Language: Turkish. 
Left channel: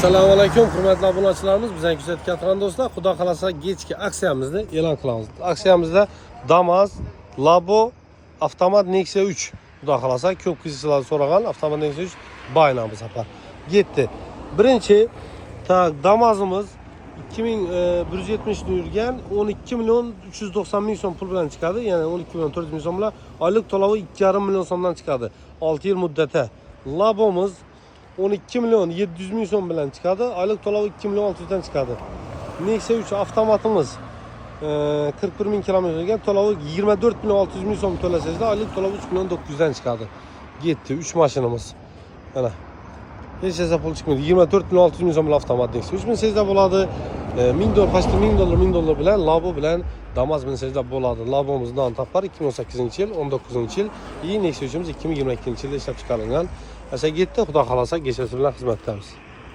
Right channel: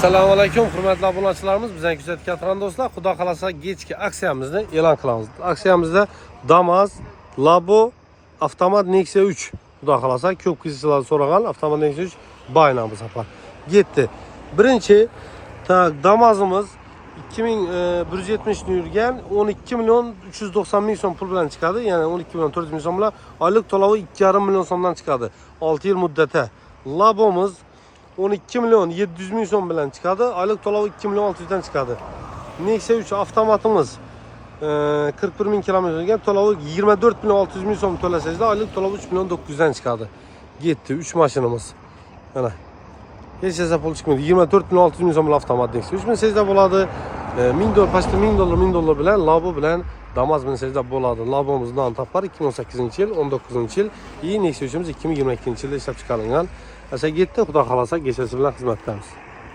assalomu alaykum hurmatli obunachilarimiz bizdan kuzatayotgan do'stlar. Xudo xohlasa kechki aksiyamizni e'lon qilamiz aksiyamizda damas labo avtomat nexia 3 xudo xohlasa ko'p kishilar so'ragan avtomat nexia 3 bayna bu safar yetdi birinchi damazimiz 2170 ni yurgan 12 million 390 ming so'm pul bilan chiqadi ya'ni 12 million 400 ming so'm bilan oylik to'lovi 2,5 million so'mdan chiqadi 6 yil muddati labomiz 12 milyon 700 ming so'm bilan chiqadi oylik to'lovi 2 million 600 dan chiqadi nexia 3 avtomatimiz e, 41 ming kilometr yurgan to'lovi 24 million 600 ming so'm to'lasangizda oylik to'lovi 3 million 900 dan chiqadi yetti 3 mashinamiz mana hech narsa pul chiqmaydi 24 million 600 ming so'm avtomat nexia 3 minsangizda bo'ladi e, 1000 dollar pastda 1000 dollar 1000 dollar bilan labo bilan damas minsangizda bo'ladi labomiz topar 2018 yil 19 yil и nexia 3'imiz 2022 yilda ishlab chiqarilgan Mesela yetti xudo xohlasa kechasi bilan xizmatdamiz